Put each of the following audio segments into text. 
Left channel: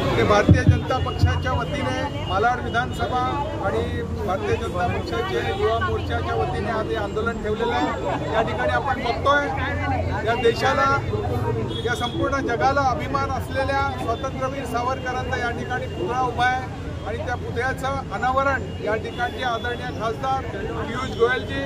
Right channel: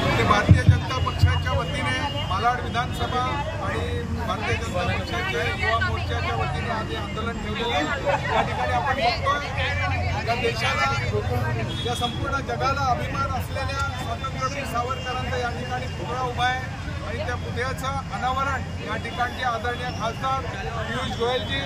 ते भारतीय जनता पक्षाच्या वतीने मालाड विधानसभा आणि भारतीय जनता पक्षाचे युवा मोर्चाच्या वतीने आज आंदोलन ठेवलेलं आहे। या ठिकाणी आपण बघतोय या देशाला, या संपूर्ण जगाला अभिमान असलेल्या स्वातंत्र्यवीर सावरकरांचा या ठिकाणी पुतळा उभा आहे आणि त्या पुतळ्याचं अनावरण या ठिकाणचे आदरणीय खासदार पियुष गोयलजी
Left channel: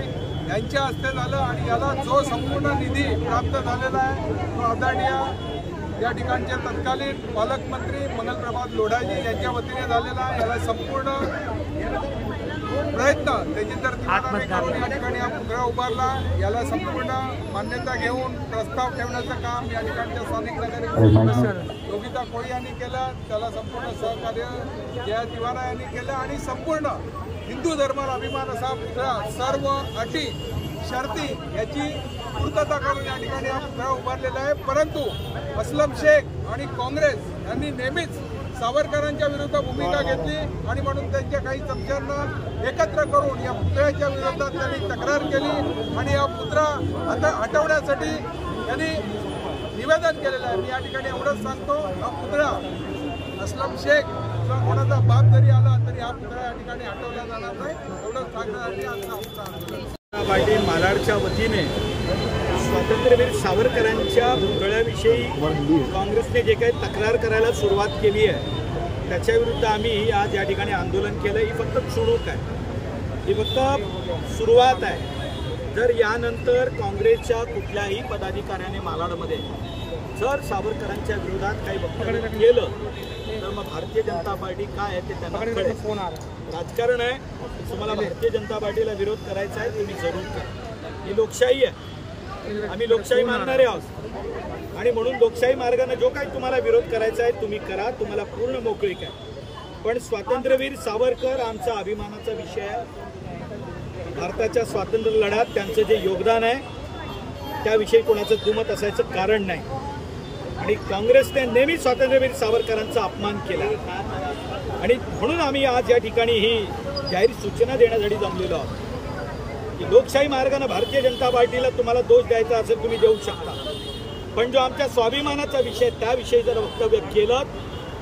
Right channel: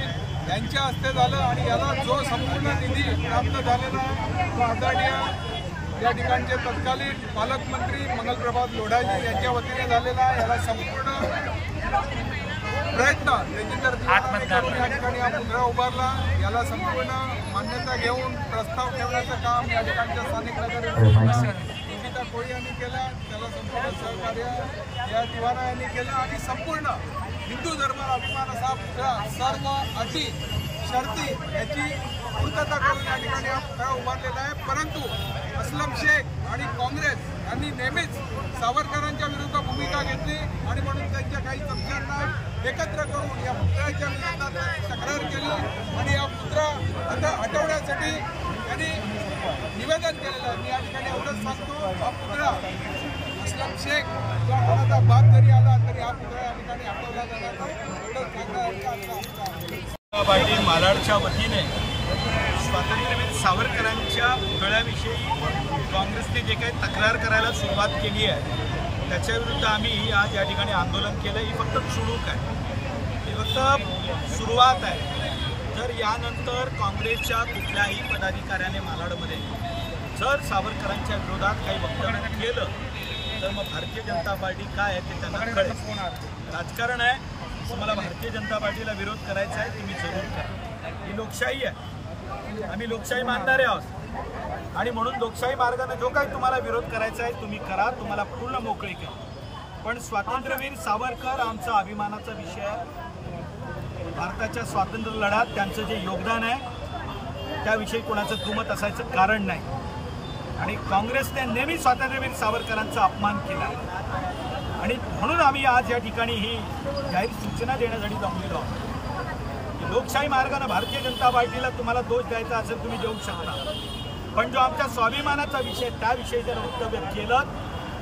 यांच्या हस्ते झालं आणि याला जो संपूर्ण निधी प्राप्त झालेला आहे तो आदरणीय या ठिकाणचे तत्कालीन पालकमंत्री मंगलप्रभात लोढाजी यांच्या वतीने झालेला आहे। याला संपूर्ण प्रयत्न त्याची तर या ठिकाणी हा पुतळा उभारला, याला संपूर्ण मान्यता घेऊन प्रस्ताव ठेवण्याचं काम या ठिकाणच्या स्थानिक नगरसेवक योगिता कोळी यांनी केलं, त्याला संपूर्ण सहकार्य या तिवारा यांनी केलं आणि संपूर्ण हिंदू धर्माला अभिमान असा पुतळा सर्व अटी शर्ती याची पूर्तता करून या ठिकाणी हा पुतळा उभारलेला आहे। परंतु असलम शेख आणि काँग्रेस यांनी नेहमीच सावरकरांच्या विरुद्ध भूमिका घेतली आणि म्हणून त्यांच्या काही चमच्यांना एकत्र करून या पुतळ्याच्या विरोधात त्यांनी तक्रार केली आणि हा पुतळा हटवण्यासाठी त्यांनी निवेदन केलेलं आहे। मी या ठिकाणी एवढंच सांगतो, हा पुतळा असलम शेख किंवा कोणाचा बाप जरी आला तरी हा पुतळा या ठिकाणी हटवला जाणार नाही, एवढंच सांगण्यासाठी आजचा आमचा पार्टी मालाडच्या वतीने स्वातंत्र्यवीर सावरकरांच्या पुतळ्याविषयी काँग्रेसने जे काही तक्रार करायला सुरुवात केली आहे त्याच्याविरुद्ध आम्ही आज या ठिकाणी आंदोलन केलं। ही फक्त चुणूक आहे, ही फक्त सुरुवात आहे। जर यानंतर काँग्रेसच्या कुठल्याही पदाधिकाऱ्याने मालाडमध्ये जर सावरकरांच्या विरोधात काही वक्तव्य केलं तर मग भारतीय जनता पार्टी काय आहे ते त्यांना कळेल। राजकारण आहे, तुम्हाला भारतीय जनता पार्टीला विरोध करायचा आहे तुम्ही जरूर करा, ही लोकशाही आहे, आम्ही लोकशाही मानणारे आहोत आणि म्हणून लोकशाही मार्गाने जो काही तुम्हाला विरोध करायचा आहे तुम्ही करा, तुम्हाला पूर्ण मोकळीक आहे। पण स्वातंत्र्यवीर सावरकर आमचा अभिमानाचा विषय आहे। भारताच्या स्वातंत्र्य लढ्यात त्यांचं जे योगदान आहे त्याविषयी कोणाचं दुमत असायचं कारण नाही आणि काँग्रेसने नेहमी स्वातंत्र्यवीर सावरकरांचा अपमान केला आणि म्हणून आम्ही आज या ठिकाणी ही जाहीर सूचना देण्यासाठी जमलेलो आहोत की लोकशाही मार्गाने भारतीय जनता पार्टीला तुम्हाला दोष द्यायचा असेल तुम्ही देऊ शकता, पण जो आमच्या स्वाभिमानाचा विषय त्याविषयी जर वक्तव्य केलं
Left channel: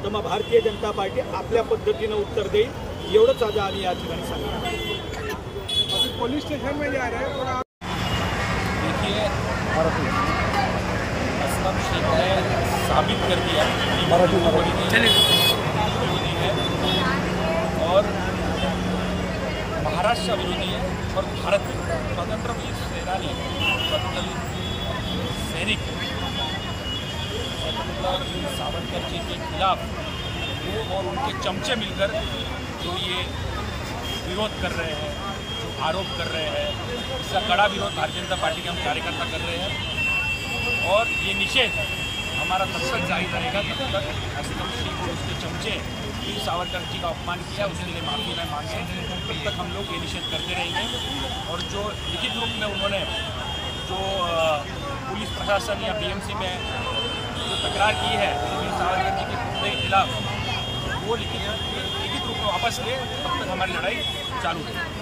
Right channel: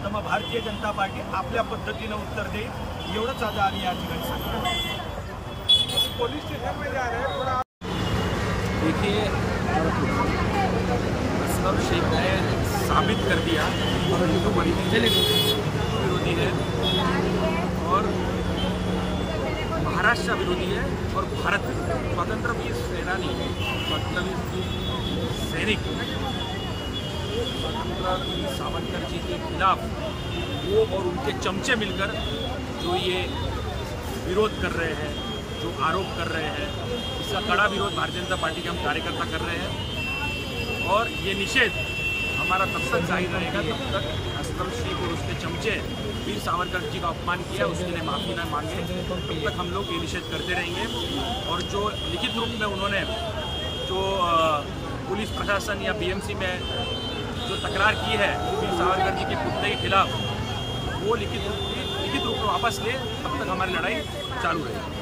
तर मग भारतीय जनता पार्टी आपल्या पद्धतीने उत्तर देईल, एवढंच आज आम्ही या ठिकाणी सांगितलं। पोलीस स्टेशन में जा रहे हैं। देखिए, असलम शेख ने साबित कर दिया कि वो हिंदू विरोधी है और महाराष्ट्र विरोधी है और भारत विरोधी। स्वतंत्रवीर सेनानी, स्वतंत्रवीर सैनिक स्वतंत्रवीर सावरकर जी के खिलाफ वो और उनके चमचे मिलकर जो ये विरोध कर रहे हैं, जो आरोप कर रहे हैं, इसका कड़ा विरोध भारतीय जनता पार्टी के हम कार्यकर्ता कर रहे हैं और ये निषेध हमारा तब तक जारी रहेगा जब तक असलम शेख और उसके चमचे वीर सावरकर जी का अपमान किया उसके लिए माफ़ी न मांगे, तब तक हम लोग ये निषेध करते रहेंगे। और जो लिखित रूप में उन्होंने जो पुलिस प्रशासन या बीएमसी में जो तकरार की है वीर सावरकर जी के पुतले के खिलाफ, वो लिखित रूप में वापस ले, तब तक हमारी लड़ाई चालू रहेगी।